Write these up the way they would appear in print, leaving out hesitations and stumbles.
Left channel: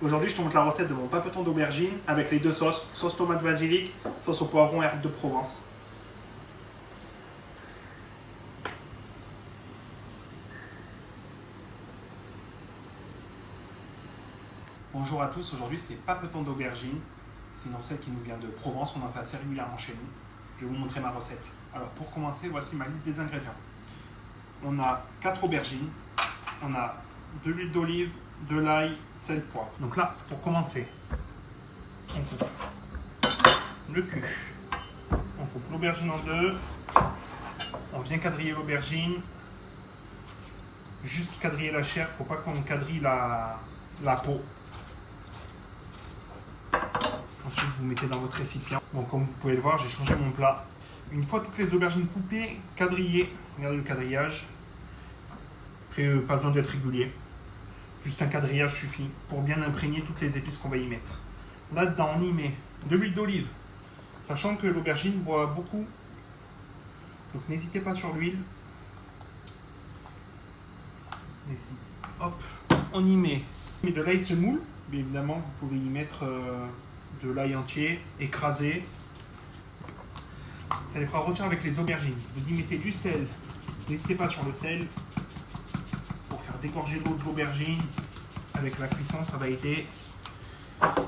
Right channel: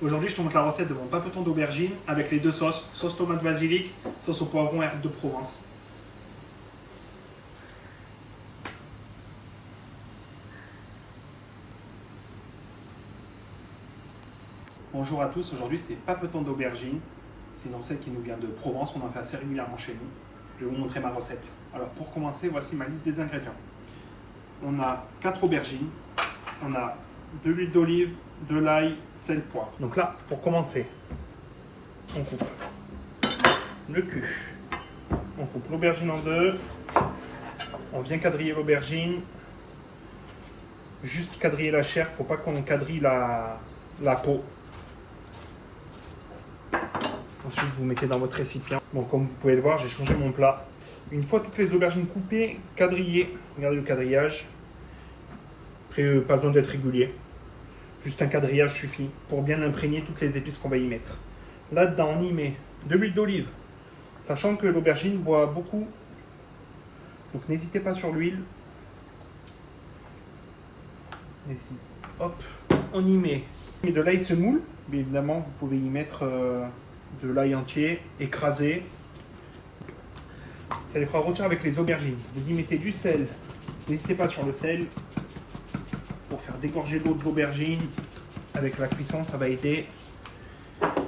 Aujourd'hui, je te montre la recette de mon papeton d'aubergine avec les deux sauces, sauce tomate basilic, sauce au poivron et herbes de Provence. Bonjour à tous, aujourd'hui c'est papeton d'aubergine. C'est une recette qui nous vient de Provence, on en fait assez régulièrement chez nous. Je vais vous montrer ma recette. Alors pour commencer, voici ma liste des ingrédients. On a 4 aubergines, on a de l'huile d'olive, de l'ail, sel, poivre. Donc là, pour commencer, on coupe le cul. On coupe l'aubergine en deux. On vient quadriller l'aubergine. Juste quadriller la chair, il ne faut pas qu'on quadrille la peau. Ensuite, vous mettez dans votre récipient. Bon, comme vous pouvez le voir, j'ai changé mon plat. Une fois toutes les aubergines coupées, quadrillées, regardez le quadrillage. Après, pas besoin d'être régulier. Juste un quadrillage suffit pour bien imprégner toutes les épices qu'on va y mettre. Là-dedans, on y met de l'huile d'olive, sachant que l'aubergine boit beaucoup. Donc n'hésitez pas sur l'huile. Hop, on y met de l'ail semoule. Mais évidemment, vous pouvez y mettre de l'ail entier, écrasé. Ça les fera rôtir avec les aubergines. Vous y mettez du sel. N'hésitez pas sur le sel pour faire dégorger l'eau de l'aubergine. Avec la cuisson, ça va aider.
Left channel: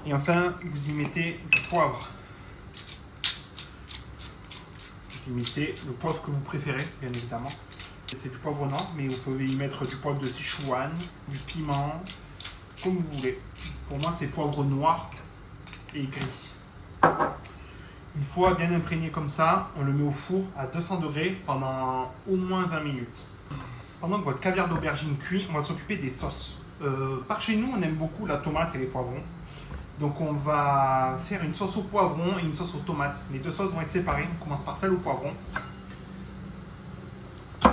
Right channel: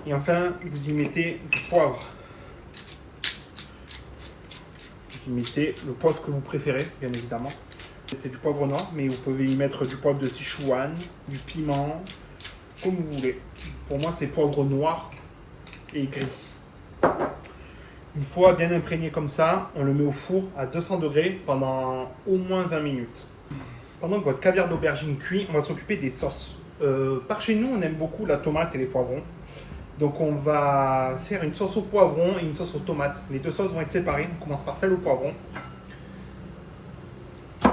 Et enfin, vous y mettez du poivre. Vous y mettez le poivre que vous préférez, bien évidemment. C'est du poivre noir, mais vous pouvez y mettre du poivre de Sichuan, du piment, comme vous voulez. Pour moi, c'est poivre noir et gris. Une fois bien imprégné comme ça, on le met au four à 200 degrés pendant au moins 20 minutes. Pendant que votre caviar d'aubergine cuit, on va s'occuper des sauces. Par chez nous, on aime beaucoup la tomate et les poivrons. Donc on va faire une sauce au poivron et une sauce aux tomates. Les deux sauces vont être séparées. On commence par celle au poivron. Vous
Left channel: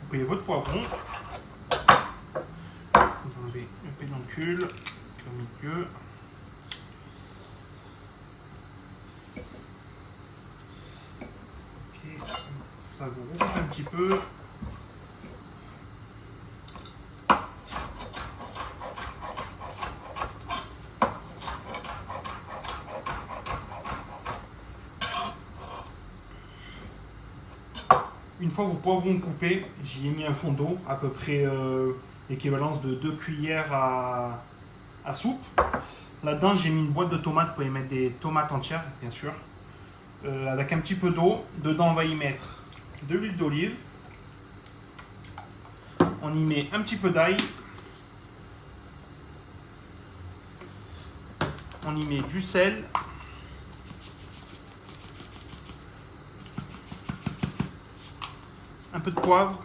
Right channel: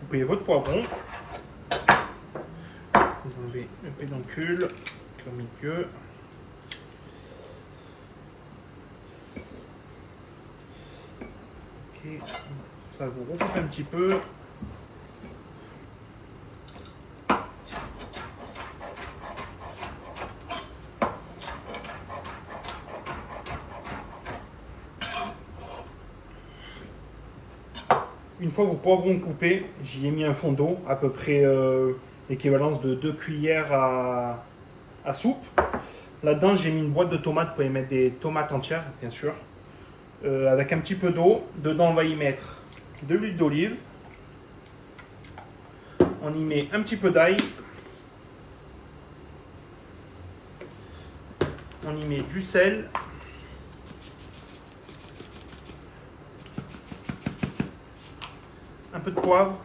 coupez votre poivron. Vous enlevez le pédoncule, le milieu. Ok, ça vous recoupe un petit peu. Une fois vos poivrons coupés, j'y ai mis un fond d'eau, à peu près l'équivalence de 2 cuillères à soupe. Là-dedans, j'ai mis une boîte de tomates, vous pouvez mettre des tomates entières, bien sûr. Avec un petit peu d'eau. Dedans, on va y mettre de l'huile d'olive. On y met un petit peu d'ail. On y met du sel. Un peu de poivre.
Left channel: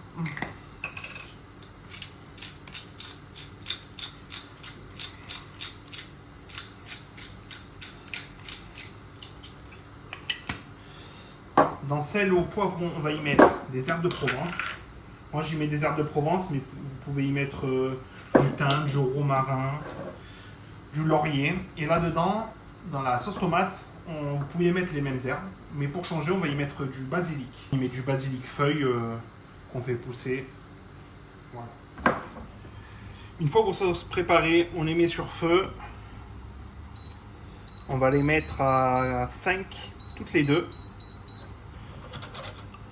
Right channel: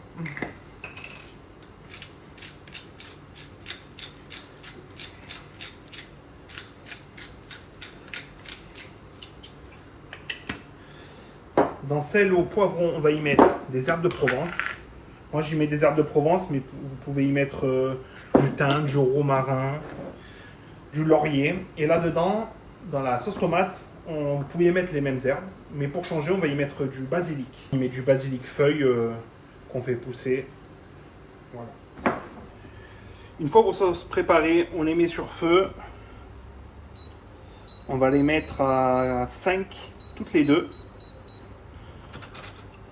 Dans sel au poivron, on va y mettre des herbes de Provence. Moi, j'y mets des herbes de Provence, mais vous pouvez y mettre du thym, du romarin, du laurier. Et là-dedans, dans la sauce tomate, vous pouvez y mettre les mêmes herbes, mais pour changer, on va y mettre du basilic. On y met du basilic feuille qu'on fait pousser. Voilà. Une fois vos sauces préparées, on les met sur feu. On va les mettre à 5 toutes les deux.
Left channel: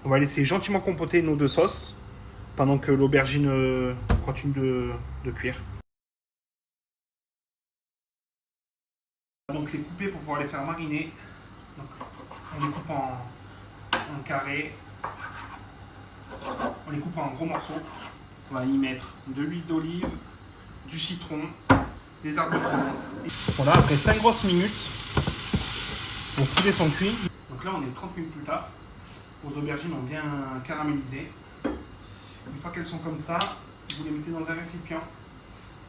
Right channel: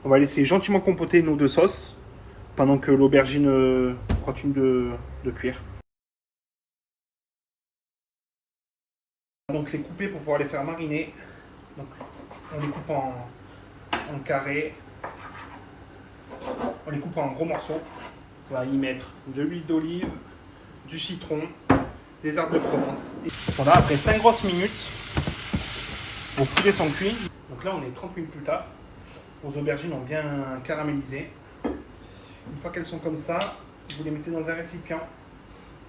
On va laisser gentiment compoter nos deux sauces pendant que l'aubergine continue de cuire. Donc les couper pour pouvoir les faire mariner. Donc, on les coupe en carrés. On les coupe en gros morceaux. On va y mettre de l'huile d'olive, du citron, des herbes de Provence. Donc là, après 5 grosses minutes, vos poulets sont cuits. Donc là, on est 30 minutes plus tard. Vos aubergines ont bien caramélisé. Une fois qu'elles sont comme ça, vous les mettez dans un récipient.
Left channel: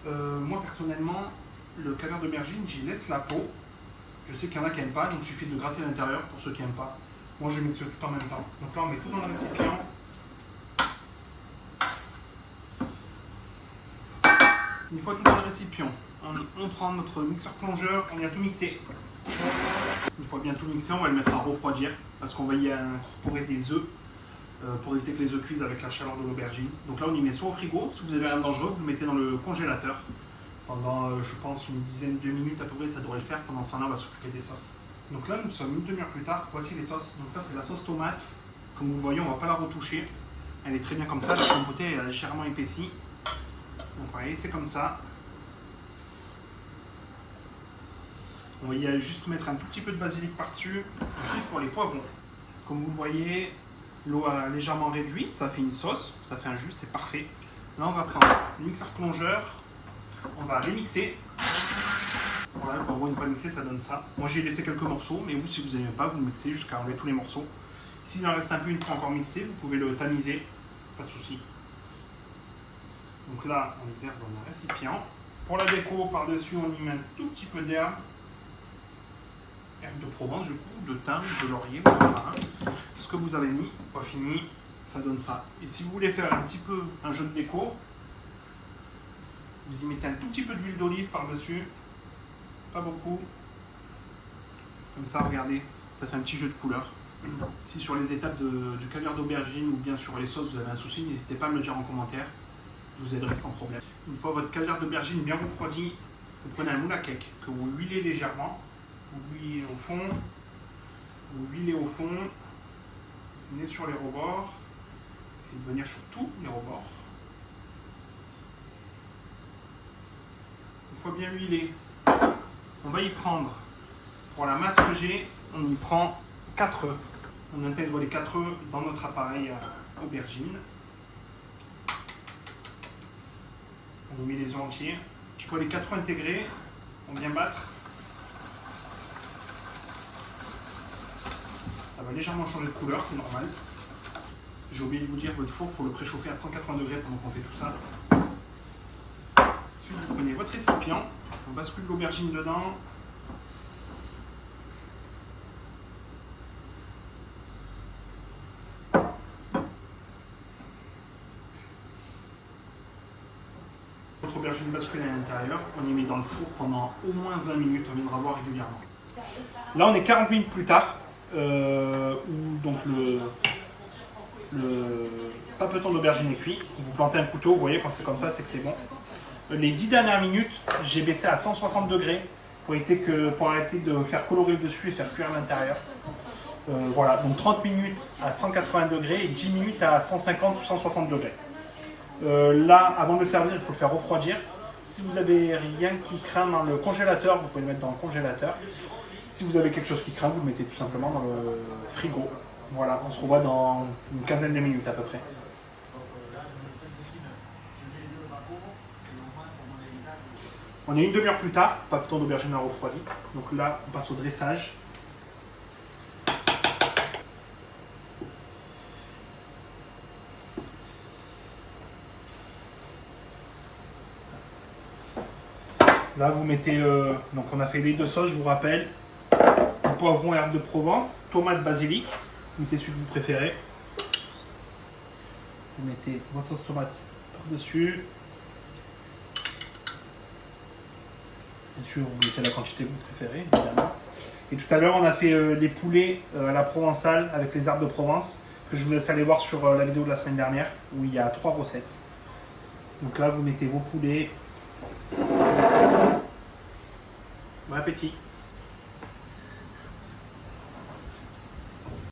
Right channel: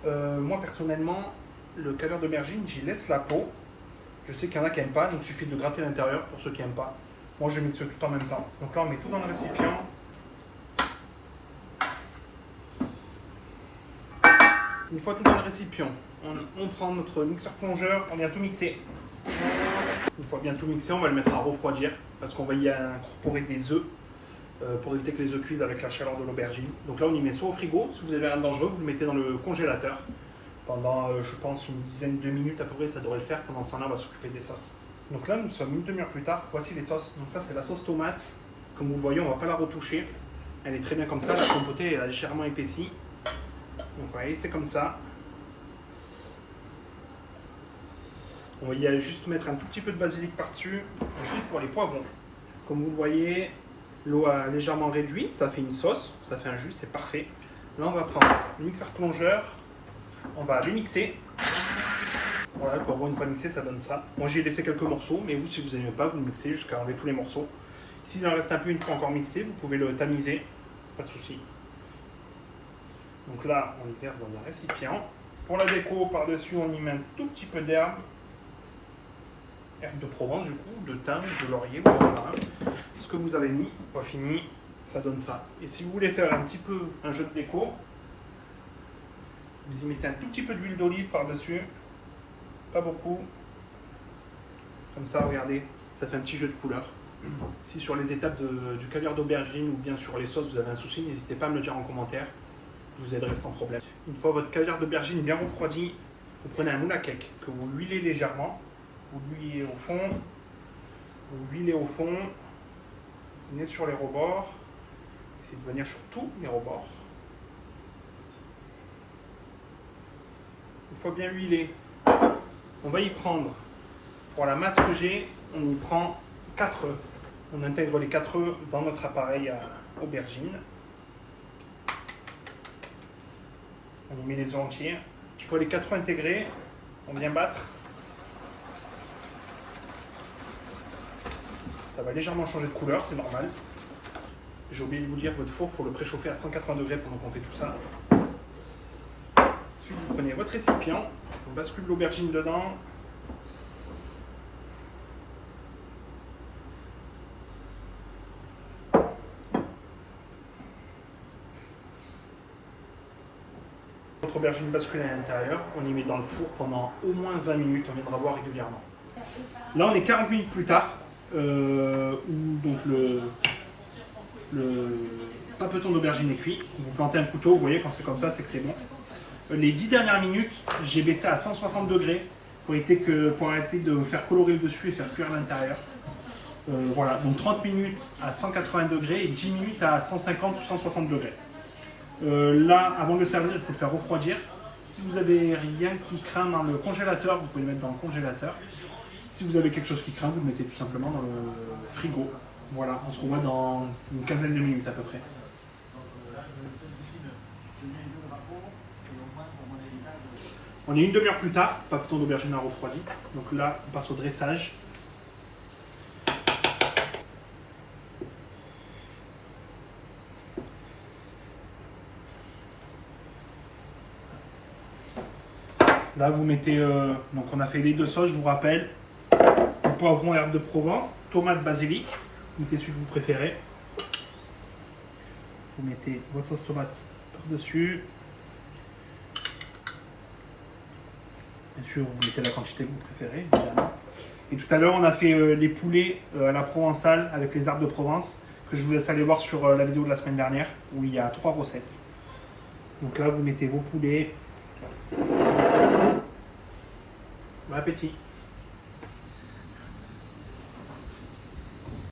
Moi, personnellement, le caviar d'aubergine, j'y laisse la peau. Je sais qu'il y en a qui n'aiment pas, donc il suffit de gratter l'intérieur pour ceux qui n'aiment pas. Moi, je mixe tout en même temps. Donc là, on met tout dans le récipient. Une fois tout dans le récipient, on prend notre mixeur plongeur, on vient tout mixer. Une fois bien tout mixé, on va le mettre à refroidir parce qu'on va y incorporer des œufs. pour éviter que les œufs cuisent avec la chaleur de l'aubergine. Donc là on y met soit au frigo, si vous avez rien de dangereux, vous le mettez dans le congélateur pendant je pense une dizaine de minutes à peu près, ça devrait le faire. Pendant ce temps-là on va s'occuper des sauces. Donc là nous sommes une demi-heure plus tard, voici les sauces. Donc ça c'est la sauce tomate, comme vous le voyez on ne va pas la retoucher, elle est très bien comme ça, la compotée est légèrement épaissie. Donc vous voyez c'est comme ça. On va y aller juste mettre un tout petit peu de basilic par-dessus. Ensuite pour les poivrons, comme vous le voyez, l'eau a légèrement réduit, ça fait une sauce, ça fait un jus, c'est parfait. Là on va prendre le mixeur plongeur, on va les mixer. Voilà, le poivron une fois mixé ça donne ça. Moi j'ai laissé quelques morceaux, mais vous si vous n'aimez pas, vous le mixez jusqu'à enlever tous les morceaux. S'il en reste un peu une fois encore mixé, vous pouvez le tamiser, pas de souci. Donc là on le verse dans un récipient. Pour la déco, par-dessus on y met un tout petit peu d'herbe. Herbe de Provence du coup, de thym, de laurier, voilà. Ce que vous avez mis, pas fini, ça donne ça. Et si vous voulez faire un petit peu un jeu de déco, vous y mettez un tout petit peu d'huile d'olive par-dessus, pas beaucoup. Comme ça, regardez, ça fait un petit jeu de couleurs. Si sur les étapes du caviar d'aubergine ou bien sur les sauces vous avez un souci, n'hésitez pas à me le dire en commentaire, je vous aiderai sans problème. Une fois votre caviar d'aubergine bien refroidi, vous prenez un moule à cake que vous huilez légèrement. Vous l'huilez au fond, vous venez sur les rebords, essayez de venir sur tous les rebords. Une fois bien huilé, on va y prendre, pour la masse que j'ai, on y prend 4 œufs. On intègre les 4 œufs dans notre appareil à aubergine. On y met les œufs entiers. Une fois les 4 œufs intégrés, on vient battre. Ça va légèrement changer de couleur, c'est normal. J'ai oublié de vous dire, votre four, il faut le préchauffer à 180 degrés pendant qu'on fait tout ça. Ensuite, vous prenez votre récipient, on bascule l'aubergine dedans. Votre aubergine bascule à l'intérieur, on y met dans le four pendant au moins 20 minutes, on viendra voir régulièrement. Là, on est 40 minutes plus tard. Où donc le papeton d'aubergine est cuit. Vous plantez un couteau, vous voyez quand c'est comme ça, c'est que c'est bon. Les 10 dernières minutes, j'ai baissé à 160 degrés pour arrêter de faire colorer le dessus et faire cuire l'intérieur. Voilà, donc 30 minutes à 180 degrés et 10 minutes à 150 ou 160 degrés. Là, avant de le servir, il faut le faire refroidir. Si vous avez rien qui craint dans le congélateur, vous pouvez le mettre dans le congélateur. Si vous avez quelque chose qui craint, vous le mettez tout simplement dans le frigo. Voilà, on se revoit dans une quinzaine de minutes à peu près. On est une demi-heure plus tard, papeton d'aubergine a refroidi. Donc là, on passe au dressage. Là, vous mettez, donc on a fait les 2 sauces, je vous rappelle. Poivron, herbe de Provence, tomate, basilic. Vous mettez celui que vous préférez. Vous mettez votre sauce tomate par-dessus. Bien sûr, vous mettez la quantité que vous préférez, évidemment. Et tout à l'heure, on a fait les poulets à la provençale avec les herbes de Provence, que je vous laisse aller voir sur la vidéo de la semaine dernière, où il y a 3 recettes. Donc là, vous mettez vos poulets. Bon appétit!